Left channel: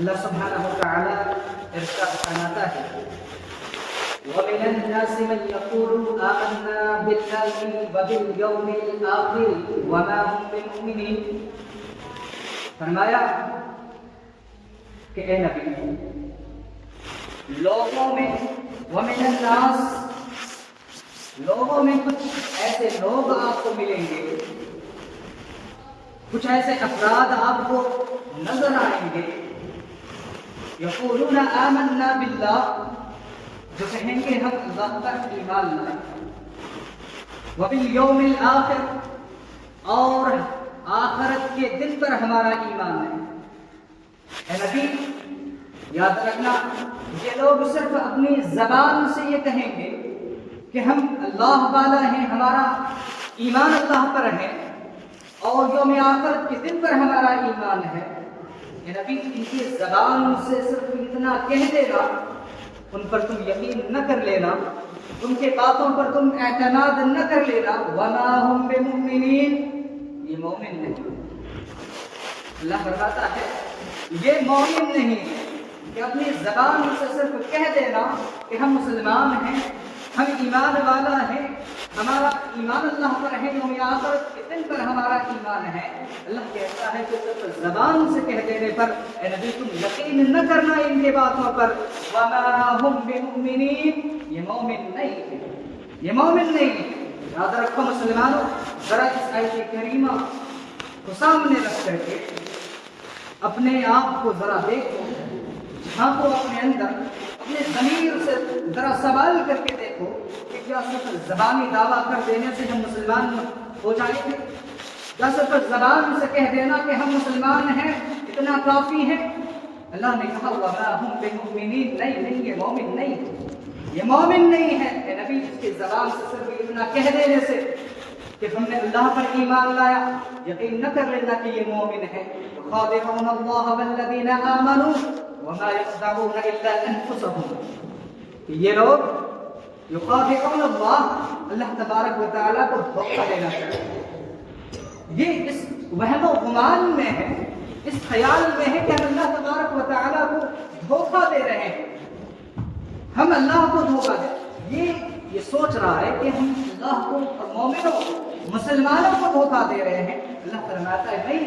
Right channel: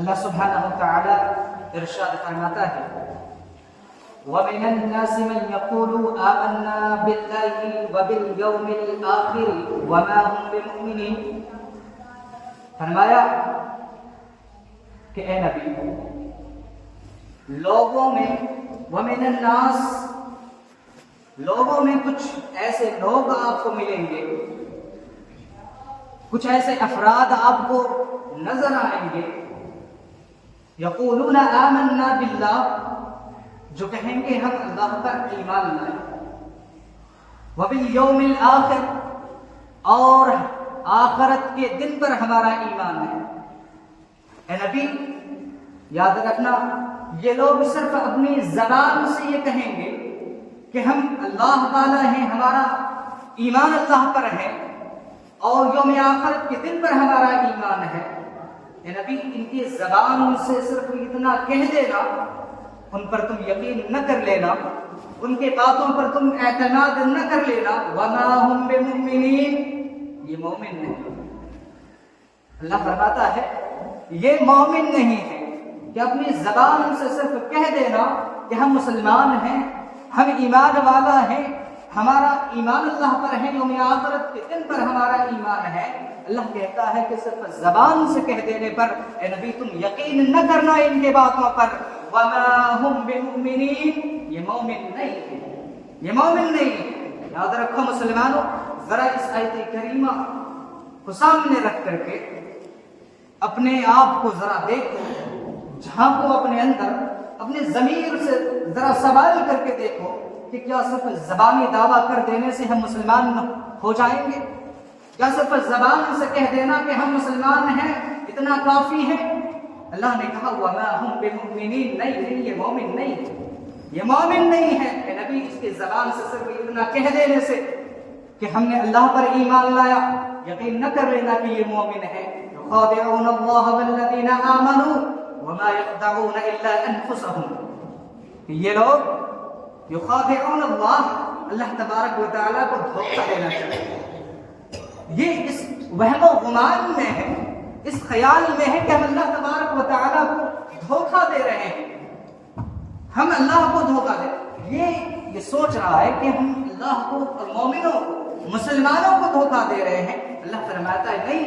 اللہ سبحانہ وتعالی ارشاد فرماتا ہے وَمِنَ النَّاسِ مَن يَقُولُ آمَنَّا بِاللَّهِ وَبِالْيَوْمِ الْآخِرِ وَمَا هُم بِمُؤْمِنِينَ۔ فرمایا کہ اے نبی، لوگوں میں وَمِنَ النَّاسِ لوگوں میں کچھ ایسے لوگ آپ کو ملیں گے، کچھ ایسے افراد آپ کو نظر آئیں گے، یقولون آمنا باللہ، جو کہیں گے ہم اللہ پر ایمان لائے، وبالیوم الآخر، اور آخرت کے دن پر ہمارا ایمان ہے۔ اے نبی یاد رکھنا، یہ لوگ صرف اپنی زبان سے یہ کہیں گے کہ ہم اللہ والا ہیں، ہمارا ایمان اللہ پر ہے اور یوم آخرت کے دن پر ہمارا ایمان ہے۔ اے نبی ان کی زبان سے صرف اتنا کہہ دینا، ان پر تم یقین نہ کر لینا، ان کے باتوں پر تم اعتماد نہ کر لینا، وما ہم بمؤمنین، یہ مومن نہیں۔ اللہ فرماتا ہے یہ مومن نہیں ہے کہ اپنی زبان سے صرف کہہ دینا کہ ہم مسلمان ہیں، ہم ایمان والا ہیں، ہمارا ایمان اللہ پر ہے، یوم آخرت کے دن پر ہمارا ایمان ہے۔ اللہ کہتا ہے کہ صرف زبان سے کہہ دینے پر اے نبی تم یقین نہ کرنا ان کے باتوں پر، وما ہم بمؤمنین، یہ مومن نہیں ہے، یہ مومن نہیں ہے۔ یاد رکھو مسلمانوں، ذرا اس آیت کریمہ کو سامنے رکھ کر کے اپنے آپ کو ذرا دیکھو، جھانکو اپنے اندر، اپنے ضمیر سے ذرا سوال کر کے دیکھو کہ کیا صرف زبانی دعویٰ کر دینے سے ہم مسلمان ہو جائیں گے؟ کیا صرف زبان سے کہہ دینا کہ ہم مسلمان ہیں اتنا کافی ہے؟ اللہ نے کہا وَمَا هُمْ بِمُؤْمِنِينَ، نہیں، یہ مومن نہیں ہے، یہ مومن نہیں ہے۔ کہ نبی اس کی زبان سے صرف اتنا کہہ دینے سے کہ ہم نے اللہ پر ایمان لایا، یقین نہ کر لینا کہ یہ مومن ہے۔ يُخَادِعُونَ اللَّهَ وَالَّذِينَ آمَنُوا وَمَا يَخْدَعُونَ إِلَّا أَنفُسَهُمْ، کہ یہ لوگ یخادعون اللہ، اللہ تبارک و تعالیٰ کو دھوکہ دینا چاہتے ہیں۔ یہ اس وہم و گمان میں ہے، اس خیال میں ہے کہ ہم اللہ تبارک و تعالیٰ کو دھوکہ دے رہے ہیں، ہم اللہ کو دھوکہ دے رہے ہیں۔ یہ سوچ رہا ہے کہ ہم اللہ کو اور مومنوں مسلمانوں کو دھوکہ دے رہے ہیں۔ اللہ فرماتا ہے نہیں،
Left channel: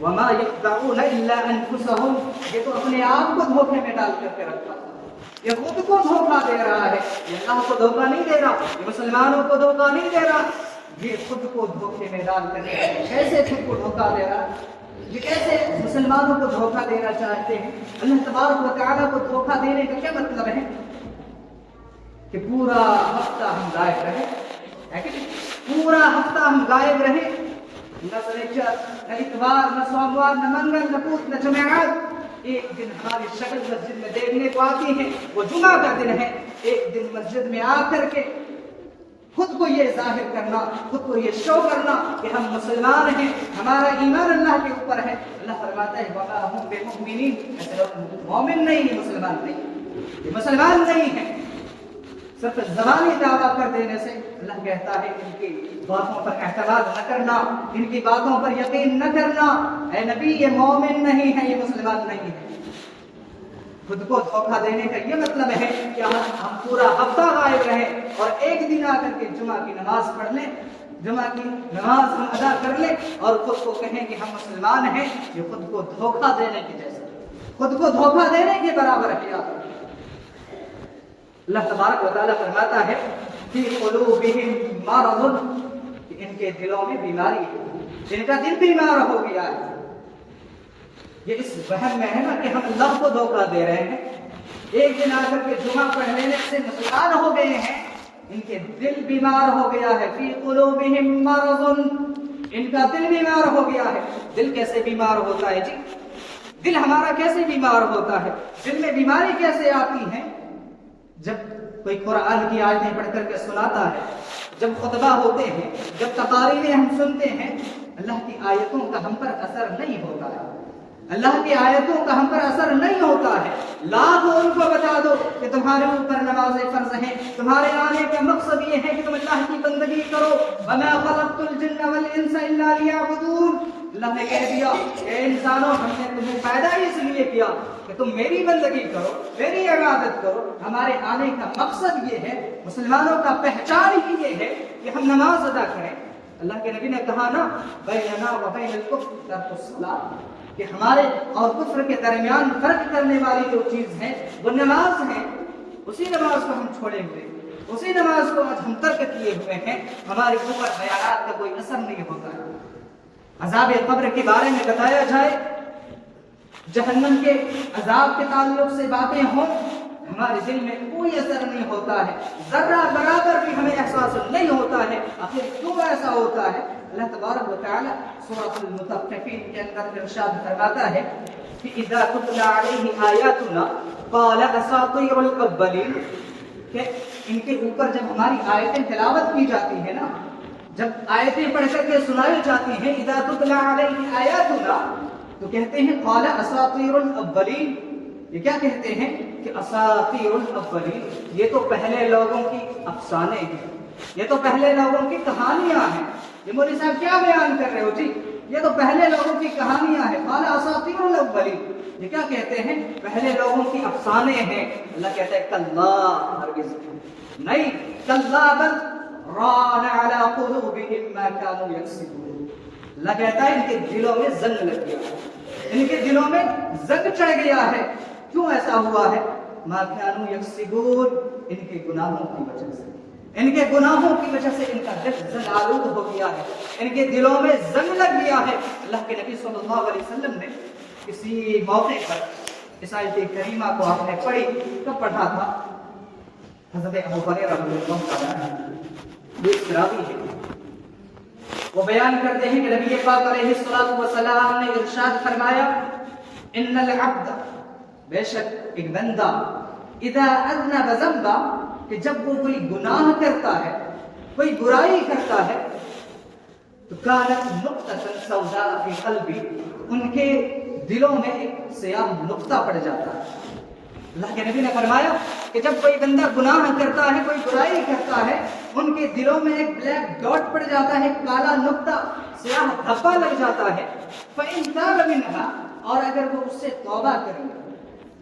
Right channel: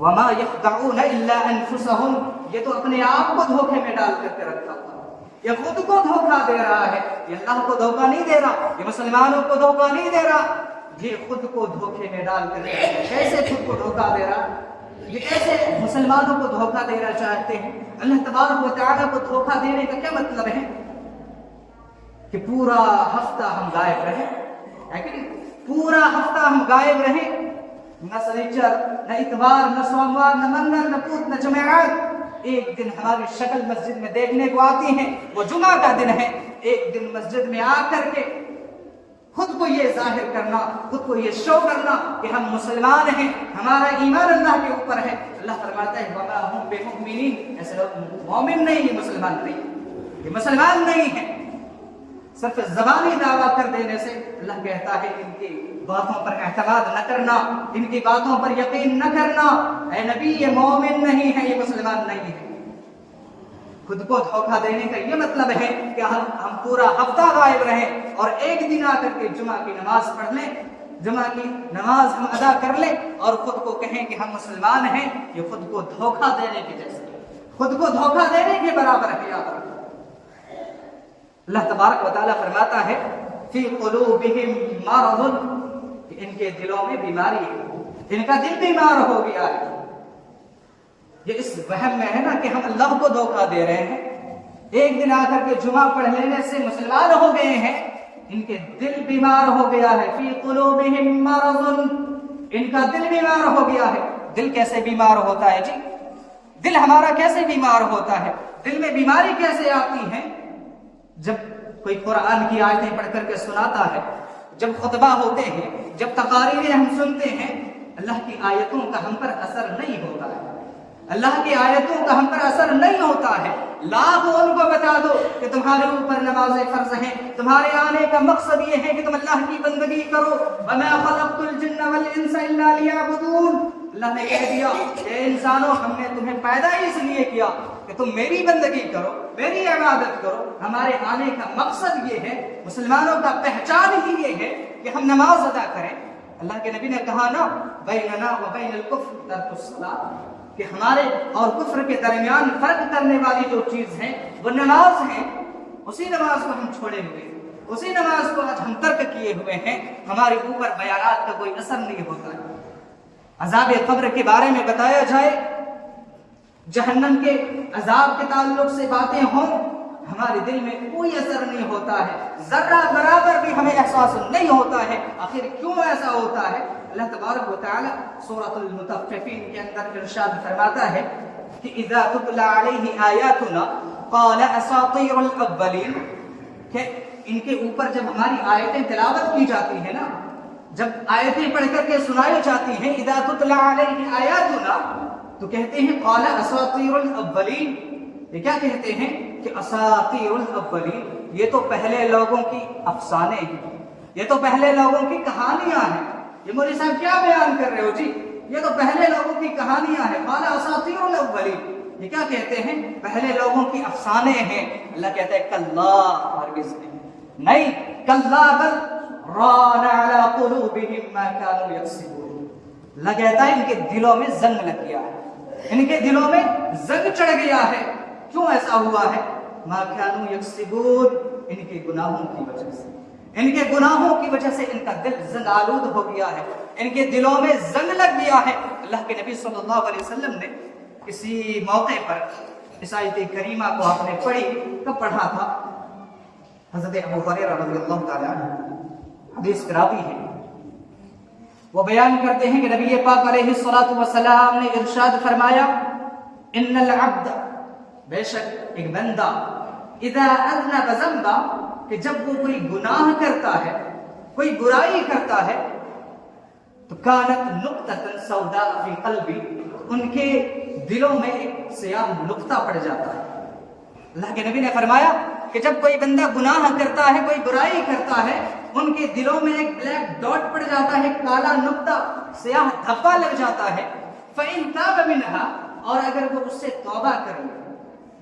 وما یخدعون الا انفسهم، یہ تو اپنے آپ کو دھوکے میں ڈال کر کے رکھا، یہ خود کو دھوکہ دے رہا ہے، یہ اللہ کو دھوکہ نہیں دے رہا، یہ مسلمانوں کو دھوکہ نہیں دے رہا، یہ خود کو دھوکے میں ڈال کر کیسے خود کو دھوکہ دے رہا، یہ کیسے مسلمانوں کو دھوکہ دینا چاہتے ہیں۔ اللہ تبارک و تعالیٰ کو دھوکہ دینے کا کیا مطلب ہے کہ پورا ہفتہ ہم غائب رہیں، پورا ہفتہ ہم غائب رہیں، نہ سنیچر، نہ اتوار، نہ سوموار، نہ منگل، نہ بدھ، نہ جمعرات، ایک دن ہماری شکل مسجد میں دیکھنے کو آتی ہے، وہ جمعہ کا دن ہے۔ ایک دن مسجد میں آ کر کے خود کو یہ ظاہر کرنا، خود کو یہ شو کرنا کہ ہم مسلمان ہیں، ہمارا ایمان اللہ کے اوپر ہے۔ اللہ فرماتا ہے وَمَا هُمْ بِمُؤْمِنِينَ، ایسے لوگ مومن نہیں، یہ مسلمان نہیں، یہ مسلمان نہیں ہے۔ صرف زبانی دعویٰ کر دینے سے اللہ کہتا ہے ان کی باتوں پر اعتماد نہ کرنا، ان کی باتوں پر یقین نہ کرنا۔ اے نبی یہ مومن نہیں ہے، یہ مسلمان نہیں ہے۔ خود کو دھوکہ دینے کا یہ مطلب ہے کہ ہم پورا ہفتہ غائب رہیں اور ایک دن آ کر کے جمعہ کی نماز پڑھ لیں، جمعہ کی نماز ہم ادا کر لیں اور خود کو کہیں کہ ہم مسلمان ہیں، یہ خود کو دھوکہ دینے کے جیسے، خود کو دھوکہ دینے کے برابر ہے۔ اللہ تبارک و تعالیٰ فرماتا ہے فی قلوبہم مرض، کہ ان کے دلوں میں بیماری ہے، ان کا دل بیمار ہو گیا ہے۔ یہ اس وہم میں ہے نا کہ ہم اللہ کو دھوکہ دے رہے ہیں، ایک دن آ کر کے جمعہ پڑھ لینے سے مسلمان ہو گئے ہیں، ان کے دل بیمار ہو گیا ہے۔ فی قلوبہم مرض، ان کا دل بیمار ہو گیا ہے۔ دل کیسے بیمار ہوتا ہے جی؟ دل ہمارا کیسے بیمار ہوتا ہے؟ دل میں بیماری کیسے آتی ہے؟ جب کوئی قرآن کی آیتیں پڑھ کر کے سناتا ہے، جب خطبہ ہوتے ہیں، جب تقاریر ہم سنتے ہیں، اللہ کی آیتوں کا ہم پر اثر نہیں ہوتا ہے، اللہ کی آیتوں کا ہم پر اثر نہیں ہوتا ہے۔ لاکھوں ان کو بتا دو کہ تمہارے اوپر نماز فرض ہیں، تمہارے آنے کا مقصد یہ ہے کہ تم اللہ کی بندگی کرو، وَمَا خَلَقْتُ الْجِنَّ وَالْإِنسَ إِلَّا لِيَعْبُدُونَ، اللہ نے کہہ دیا اے انسانوں ہم نے تمہیں پیدا اس لیے کیا کہ تم میری بندگی کرو، میری عبادت کرو۔ ہمارے آنے کا مقصد یہ ہے، مسلمانوں کا پہچان ہی یہ ہے کہ ہم نماز ادا کریں۔ اللہ کے نبی نے کہا نا بیننا و بین الکفر ترک الصلاۃ، کہ ہمارے اور کفر کے درمیان فرق کرنے والی جو چیز ہے وہ نماز ہے۔ اسی نماز کو ہم چھوڑے ہوئے، اسی نماز کو آج ہم ترک کیے ہوئے ہیں، ہمارے اوپر بیانات کا کوئی اثر نہیں ہوتا ہے۔ عذاب قبر کے بارے میں بتایا جائے، جہنم کے عذاب کے تعلق سے باتیں ہوں، ہمارے دل میں کوئی اثر نہیں ہوتا ہے، ذرہ برابر بھی ہمیں احساس نہیں ہوتا ہے۔ آخر کیوں ایسا ہوتا ہے؟ اللہ تبارک و تعالی سورۃ المطففین کے اندر ارشاد فرماتا ہے کہ اذا تتلی علیہ آیاتنا قال اساطیر الاولین، کہ ان کے اوپر جب ہماری آیتیں تلاوت کی جاتی ہیں نا، جب آیتیں پڑھ کر کے سنائی جاتی ہیں، اذا تتلی علیہ آیاتنا، تو کہتے ہیں قال اساطیر الاولین۔ یہ کیا کہتے ہیں کہ اساطیر الاولین، یہ تو پہلے لوگوں کی افسانے ہیں، یہ تو پہلے لوگوں کی کہانیاں ہیں۔ یہ مولوی صاحب کیا بیان کر رہے ہو جی؟ یہ تو پہلے لوگوں کی کہانیاں ہیں۔ قال اساطیر الاولین، یہ کیا کہتے ہیں؟ پہلے لوگوں کی افسانے ہیں۔ اللہ کہتا ہے کلا، ہرگز نہیں، کلا بل ران علی قلوبہم ما كانوا یکسبون، اللہ کہتا ہے ان کے دلوں میں زنگ لگ گیا ہے، ان کے دلوں میں زنگ چڑھ گیا ہے۔ کیوں ایسا ہوا ہے؟ ما كانوا یکسبون، ان کے گناہوں کی وجہ سے، ان کے گناہوں کی وجہ سے ان کا دل زنگ آلود ہو گیا ہے، ان کے دلوں میں زنگ لگ گیا ہے۔ اللہ کے نبی صلی اللہ علیہ وسلم نے کسی موقع پر اس آیت کریمہ کو آپ نے پڑھی، کب پڑھا تھا؟ حضرت ابو ہریرہ رضی اللہ عنہ حدیث راوی ہے، وہ بیان کرتے ہیں کہ نبی پاک علیہ الصلوۃ والسلام نے ارشاد فرمایا ان العبد، بے شک ایک بندہ، اذا اذنب ذنبا، کہ جب وہ کوئی گناہ کرتا ہے، کوئی برائی کرتا ہے، تو کانت نقطۃ سوداء فی قلبی، ان کے دلوں میں ایک سیاہ نقطہ پڑ جاتا ہے۔ اللہ کے نبی نے فرمایا کہ جب کوئی بندہ گناہ کرتا ہے، کوئی برائی کرتا ہے، ان کے دلوں میں ایک بلیک ڈاٹ پڑ جاتا ہے، کالا نقطہ، سیاہ دھبا لگ جاتا ہے۔ فإن تاب منها، اور اگر وہ اس سے توبہ کر لے،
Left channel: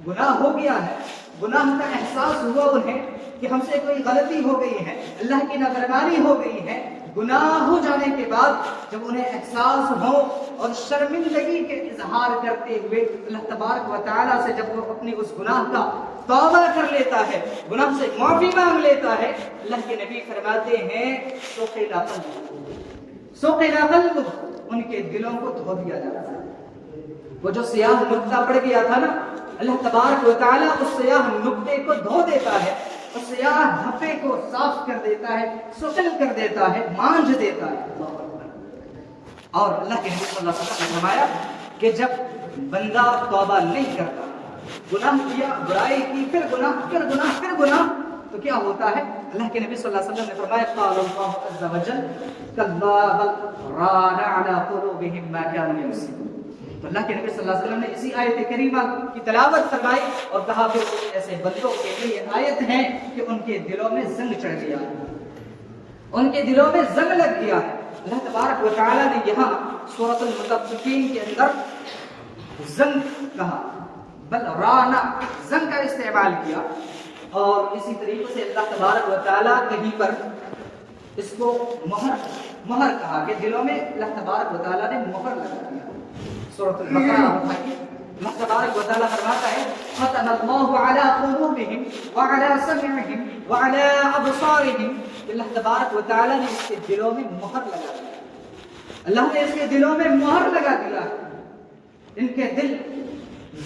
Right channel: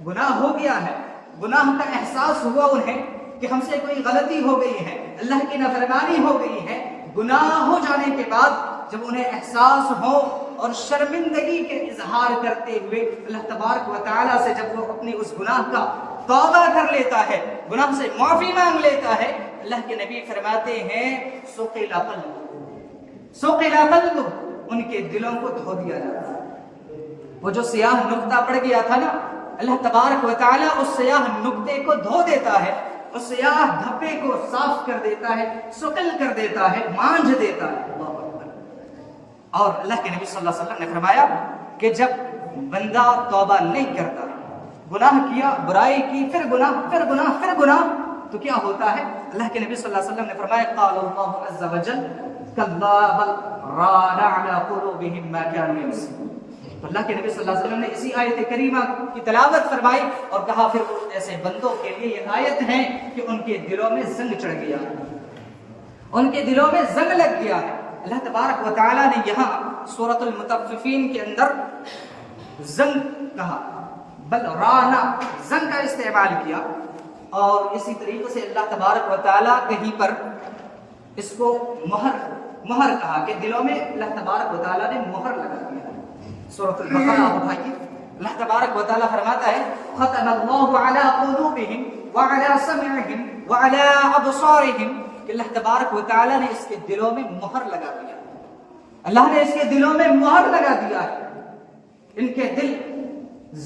گناہ ہو گیا ہے، گناہ کا احساس ہوا انہیں کہ ہم سے کوئی غلطی ہو گئی ہے، اللہ کی نافرمانی ہو گئی ہے، گناہ ہو جانے کے بعد جب انہیں احساس ہو اور شرمندگی کے اظہار کرتے ہوئے اللہ تبارک و تعالیٰ سے جب وہ اپنی اس گناہ کا توبہ کر لیتا ہے، گناہ سے معافی مانگ لیتا ہے، اللہ کے نبی فرماتے ہیں سقل قلبہ، ان کے دلوں کو دھو دیا جاتا ہے۔ وہ جو سیاہ نقطہ پڑ گیا تھا نا، اللہ تبارک و تعالیٰ اس سیاہ نقطے کو دھو دیتا ہے، اس سیاہ دھبے کو صاف کر دیتا ہے، سقل کر دیتا ہے، مانجھ دیتا ہے۔ اور اللہ کے نبی صلی اللہ علیہ وسلم نے فرمایا کہ جب بندہ توبہ نہیں کرتا، گناہ کیا، برائی کی، پھر گناہ، پھر گناہ، پھر گناہ، تو کیا ہوتا ہے؟ اللہ کے نبی صلی اللہ علیہ وسلم نے فرمایا قال اللہ عز وجل کلا بل ران علی قلوبہم ما كانوا یکسبون۔ اللہ کے نبی صلی اللہ علیہ وسلم نے اسی آیت کریمہ کی تلاوت فرمائی اور کہا پھر ایسے بندوں کے لیے یہ آیت ہے کہ ان کے دلوں میں زنگ چڑھ گیا ہے، ان کے دلوں میں زنگ لگ گیا ہے۔ اللہ تبارک و تعالیٰ نے یہاں سورۃ المطففین کے اندر زنگ کہا، بل رانا، زنگ کا استعمال کیا، اور اسی طریقے سے اللہ تبارک و تعالیٰ کہیں پر اس کو مہر کہا کہ دلوں میں اللہ تبارک و تعالیٰ نے مہر لگا دیا۔ سورۃ البقرہ اللہ تبارک و تعالیٰ فرماتا ہے ختم اللہ علی قلوبہم وعلی سمعہم وعلی ابصارہم، اللہ تبارک و تعالیٰ نے اس کے دلوں میں مہر لگا دیا، اللہ نے اس کے دلوں میں مہر لگا دیا، ان کے دل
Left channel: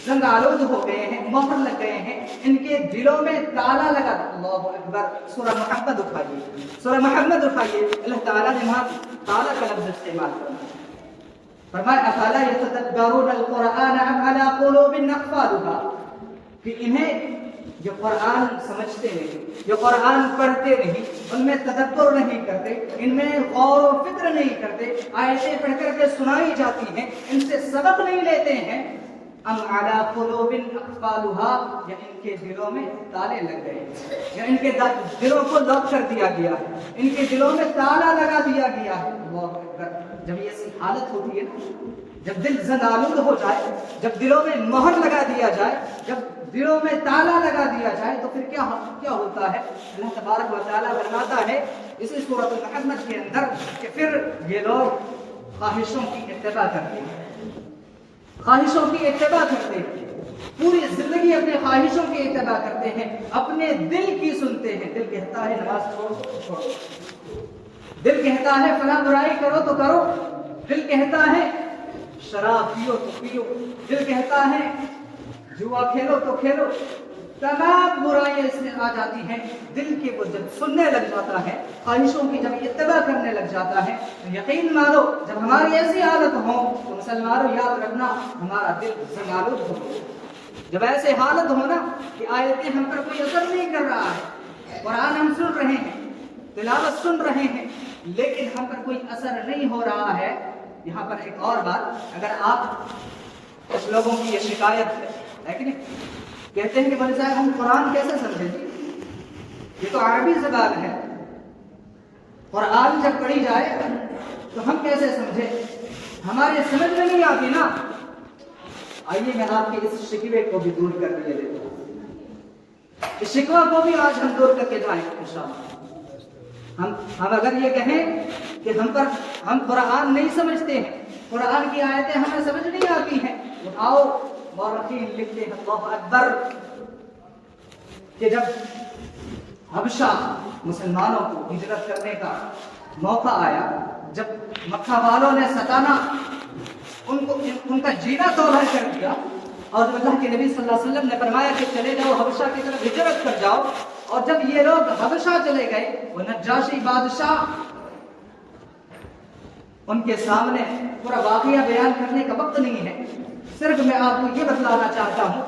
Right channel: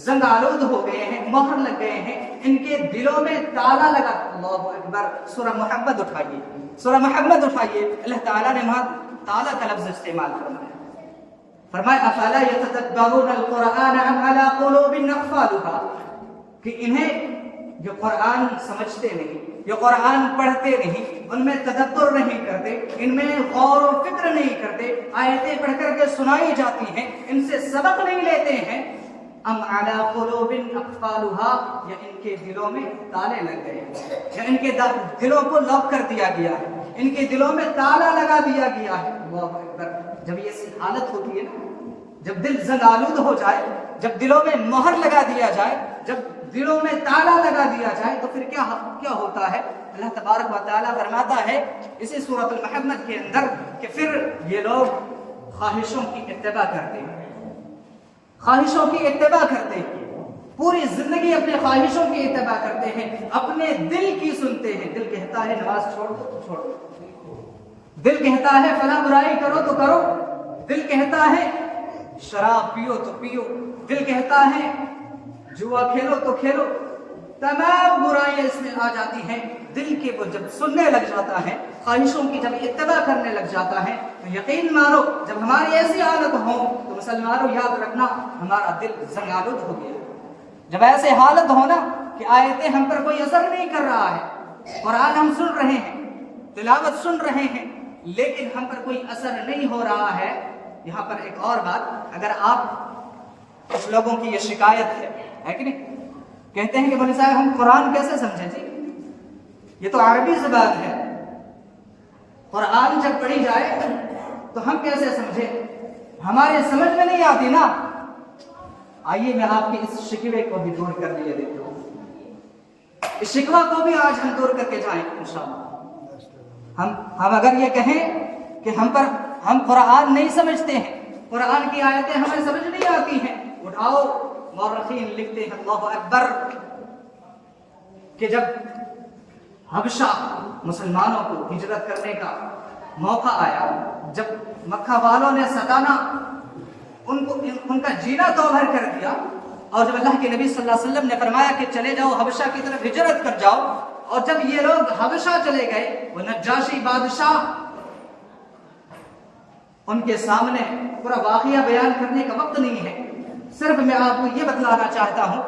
زنگ آلود ہو گئے ہیں، مہر لگ گئے ہیں، ان کے دلوں میں تالا لگا۔ اللہ اکبر، سورہ محمد اٹھائیے، سورہ محمد اٹھائیے، اللہ تعالیٰ نے وہاں تالا کا لفظ استعمال کرنا، فرمایا افلا یتدبرون القرآن ام علی قلوب اقفالها، کہ انہیں جو قرآن سمجھتے نہیں، جو قرآن پڑھتے نہیں، ان میں تدبر نہیں کرتے، ان میں غور و فکر نہیں کرتے، آیتیں پڑھ کر کے سنائی جاتی ہیں، ان سے سبق نہیں لیتے ہیں، ام علی قلوب اقفالها، یا ان کے دلوں میں تالے لگ گئے ہیں، یا ان کے دلوں کو لاک کر دیا گیا ہے، ان کے دلوں میں تالا لگا دیا گیا ہے۔ اللہ اکبر، جب یہ ایسی حالت ہوتی ہے نا، جب دل زنگ آلود ہو جائے، جب دلوں میں مہر لگا دیا جائے، جب دلوں میں تالا لگا دیا جائے، تو پھر کیا ہوتا ہے؟ اللہ تبارک و تعالیٰ فرماتا ہے اسی سورۃ المحمد کے اندر کہ پھر یہ لوگ خواہشوں کی اتباع کرتے ہیں، خواہشوں کی اتباع کرتے ہیں، پوری زندگی اپنے خواہشوں کی اتباع کرتے ہیں، اپنے دل کی سنتے ہیں۔ دل کہتا ہے نماز چھوڑو تو چھوڑو، دل کہتا ہے فلاں برائی کرو تو کرو، دل کہتا ہے شراب پیو تو پیو، دل کہتا ہے جوا کھیلو تو کھیلو، تمام برائیاں اس میں آ جاتی ہیں۔ دل کے وہ جب سننے لگ جاتا ہے، خواہشوں کی جب اتباع کرنے لگ جاتا ہے، تو یقین مانو جب ہماری ایسی حالت ہو تو مسلمانوں یاد رکھنا ہمارا دل زنگالود ہو گیا۔ جب ایسے حالت ہو نا کہ آیتیں ہم پر کوئی اثر نہیں کر رہا ہے، قرآن ہم سن رہے ہیں، تلاوت سن رہے ہیں، لیکن ہم پر کوئی اثر نہیں ہو رہا ہے۔ یہاں پر ایک اور بات، اگر آپ کچھ لوگوں کی یہ شکایت ہے کہ نہیں، کہتے ہیں کہ مولوی صاحب ہم قرآن کیسے سمجھیں جی، یہ تو عربی زبان ہے، قرآن جب پڑھی جائے تو ہم کیسے سمجھیں، ہمارے سمجھ میں نہیں آتی نا۔ آئیے میں آپ کے اس شکوے کو بھی دور کر دیا دیتا ہوں، اس شکوہ کو بھی آج ہم دور کر کے جائیں انشاءاللہ۔ ہم اگر یہ کہیں کہ ہم قرآن نہیں سمجھتے ہیں، قرآن کی آیتیں ہمیں سمجھ نہیں آتی ہیں، اٹھاؤ مورخین لکھتے ہیں اللہ اکبر کہ جب حبشہ مسلمانوں کو ہجرت کرنے کا موقع آیا، جب مکہ والوں نے ستانا ان کا جینا توبہ کر دیا، اور جب اللہ کے نبی صلی اللہ علیہ وسلم نے فرمایا کہ چلے جاؤ حبشہ کی طرف ہجرت کر جاؤ، اور جب یہ لوگ حبشہ چلے گئے، وہ نجاشی بادشاہ، ان کے سامنے پورا واقعہ بیان کرنے کا وقت نہیں ہے، صرف میں آپ کو یہ بتلانا چاہتا ہوں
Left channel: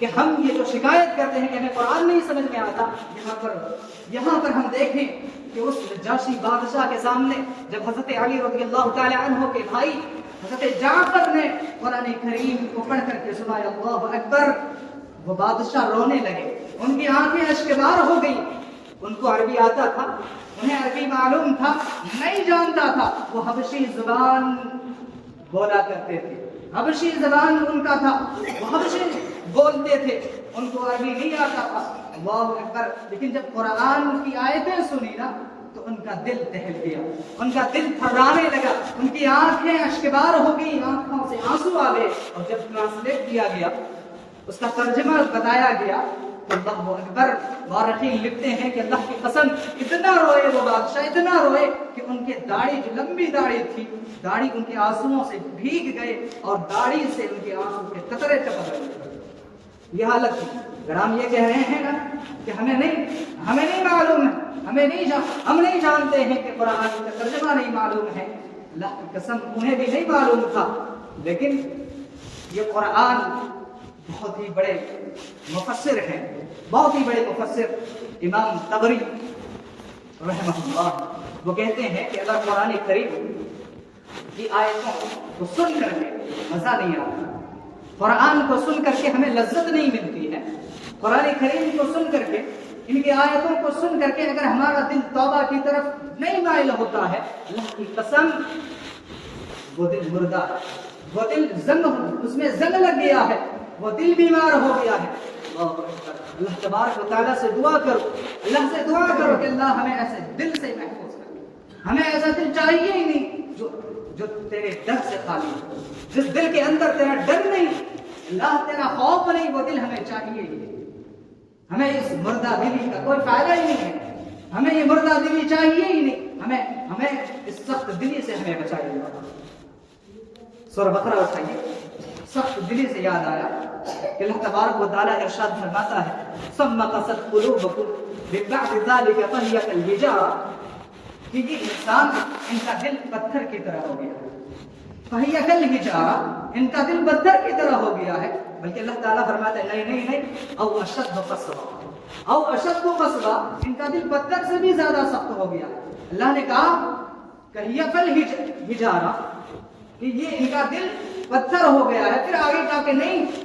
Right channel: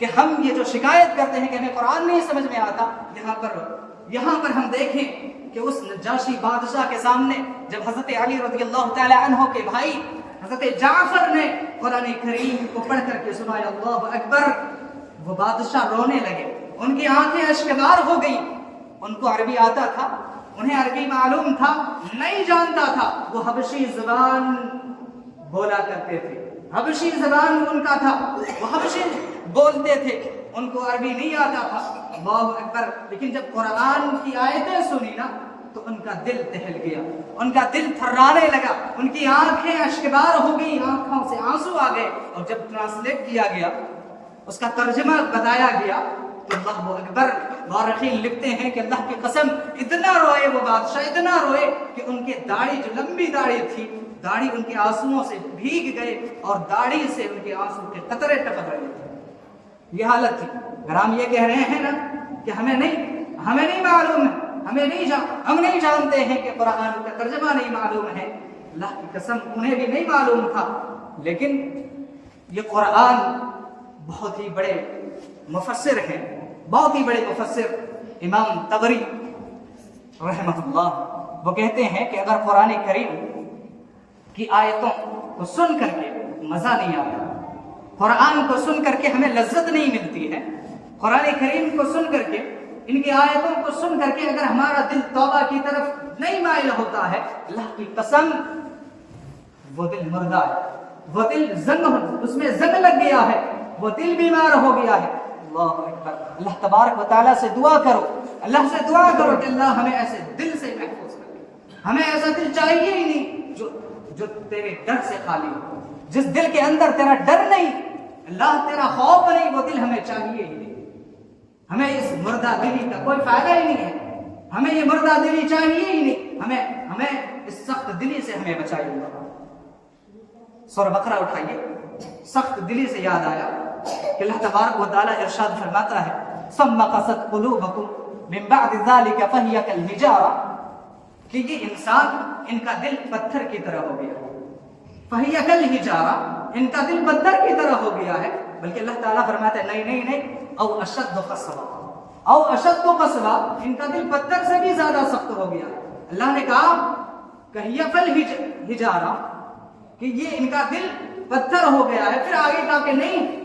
کہ ہم یہ جو شکایت کرتے ہیں کہ ہمیں قرآن نہیں سمجھ میں آتا، یہاں پر ہم دیکھیں کہ اس نجاشی بادشاہ کے سامنے جب حضرت علی رضی اللہ تعالی عنہ کے بھائی حضرت جعفر نے قرآن کریم کو پڑھ کر کے سنایا اللہ اکبر، وہ بادشاہ رونے لگے، ان کی آنکھیں اشکبار ہو گئی۔ ان کو عربی آتا تھا، انہیں عربی معلوم تھا، نہیں جانتا تھا، وہ حبشی زبان بولا کرتے تھے، حبشی زبان ان کا تھا، وہ حبشی بولتے تھے، ان کو عربی نہیں آتا تھا، اللہ اکبر۔ لیکن جب قرآن کی آیتیں سنی نا تو ان کا دل دہل گیا، ان کا دل تھرانے لگا، ان کی آنکھیں اشکبار ہو گئی، آنکھوں سے آنسو آ گئے، اور جب ٹرانسلیٹ کیا گیا، اس کا ترجمہ بتایا گیا، اللہ اکبر۔ مورخین لکھتے ہیں کہ اللہ کی قسم اتنا روئے وہ بادشاہ، اتنا روئے کہ ان کے داڑھی جو لمبی داڑھی تھی، داڑھی ان کے آنسوؤں سے بھیگ گئے، اور داڑھی سے ان کے آنسو کے قطرے ٹپک گئے۔ یہ حالت تھی۔ اگر ہم یہ کہہ رہے ہیں نا کہ ہمیں نہیں معلوم ہے، ہم نہیں جانتے ہیں کہ قرآن کا ترجمہ نہیں معلوم ہے، اللہ کی قسم انہیں بھی نہیں معلوم تھا، لیکن یہ قرآن بہت ہی بڑے مفسر ہیں، بہت ہی بڑے مفسر امام طبری رحمہ اللہ، وہ کہتے ہیں کہ اگر قرآن کریم کی آیتوں کو سن کر کے مزہ نہیں آتا، قرآن کو سن کر کے ہمیں لذت نہیں ملتی ہے، قرآن کریم کو سن کر کے، ان کی آیتوں کو سن کر کے اگر ہمارا دل توبہ کی طرف نہیں مائل ہوتا ہے، اللہ کی قسم وہ دل مردہ ہے، وہ دل اس میں زنگ لگ گیا ہے، وہ دل بیمار ہو گیا ہے۔ اللہ تبارک و تعالیٰ سے دعا کرو، اللہ سے دعا کرو کہ اللہ ہمیں ایسے دل سے محفوظ کرے، ہمیں ایسا دل چاہیے ہی نہیں جو تیرے ڈر سے خالی ہو، جس دل کے اندر تیرا ڈر نہیں، اللہ تیرا خوف نہیں، وہ دل ہمیں چاہیے ہی نہیں۔ ہمیں اس مردہ دلی کا کوئی فائدہ ہی نہیں ہے، ہمیں یہ مردہ دلی چاہیے ہی نہیں، ہمیں اس سخت دلی سے ہمیں بچائیے۔ سورہ بقرہ اٹھائیے، سخت دلی سے یاد آیا کہ اللہ تبارک و تعالیٰ ارشاد فرماتا ہے ثم قست قلوبكم من بعد ذلك فهي كالحجارة، کہ یہ انسان ان کا دل پتھر کی طرح ہو گیا ہے، فهي كالحجارة، ان کا دل پتھر کی طرح ہو گیا ہے، بلکہ اللہ تعالیٰ فرماتا ہے نہیں او اشد قسوہ، ان کا دل پتھر سے بھی زیادہ سخت ہو گیا۔ اللہ نے کہا کہ یہ فالحجارہ، کہ یہ ان کا دل پتھر ہو گیا ہے، پھر آگے کہا کہ نہیں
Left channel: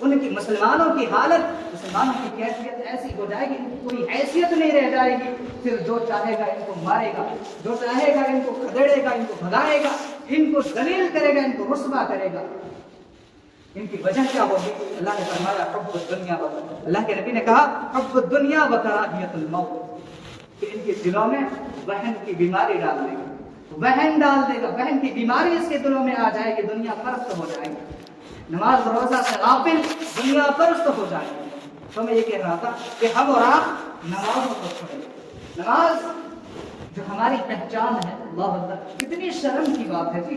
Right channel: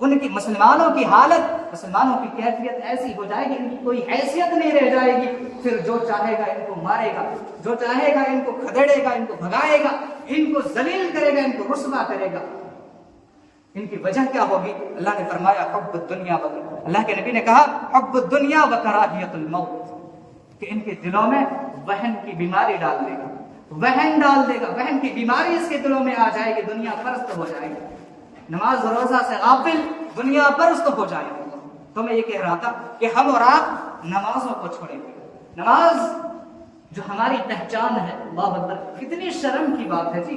ان کی مسلمانوں کی حالت، مسلمانوں کی کیفیت ایسی ہو جائے گی ان کی کوئی حیثیت نہیں رہ جائے گی. پھر جو چاہے گا ان کو مارے گا، جو چاہے گا ان کو کھدڑے گا، ان کو بھگائے گا، ان کو ذلیل کرے گا، ان کو رسوا کرے گا. ان کی وجہ کیا ہوگی؟ اللہ نے فرمایا حب الدنیا، اللہ کے نبی نے کہا حب الدنیا و کراہیت الموت، کہ ان کے دلوں میں وہن کی بیماری ڈال دے گا، وہن ڈال دے گا، وہن کی بیماری اس کے دلوں میں آ جائے گی، دنیا پرست ہو جائے گی، نماز روزہ سے غافل، دنیا پرست ہو جائے گی. تو میں یہ کہہ رہا تھا کہ ہم اور آپ نمازوں کو چھوڑیں. نماز جو ہماری پہچان ہے، اللہ اکبر، کتنی شرم کی بات ہے جی،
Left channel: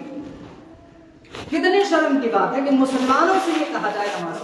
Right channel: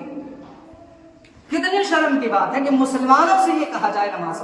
کتنی شرم کی بات ہے کہ مسلمانوں سے یہ کہا جائے نماز.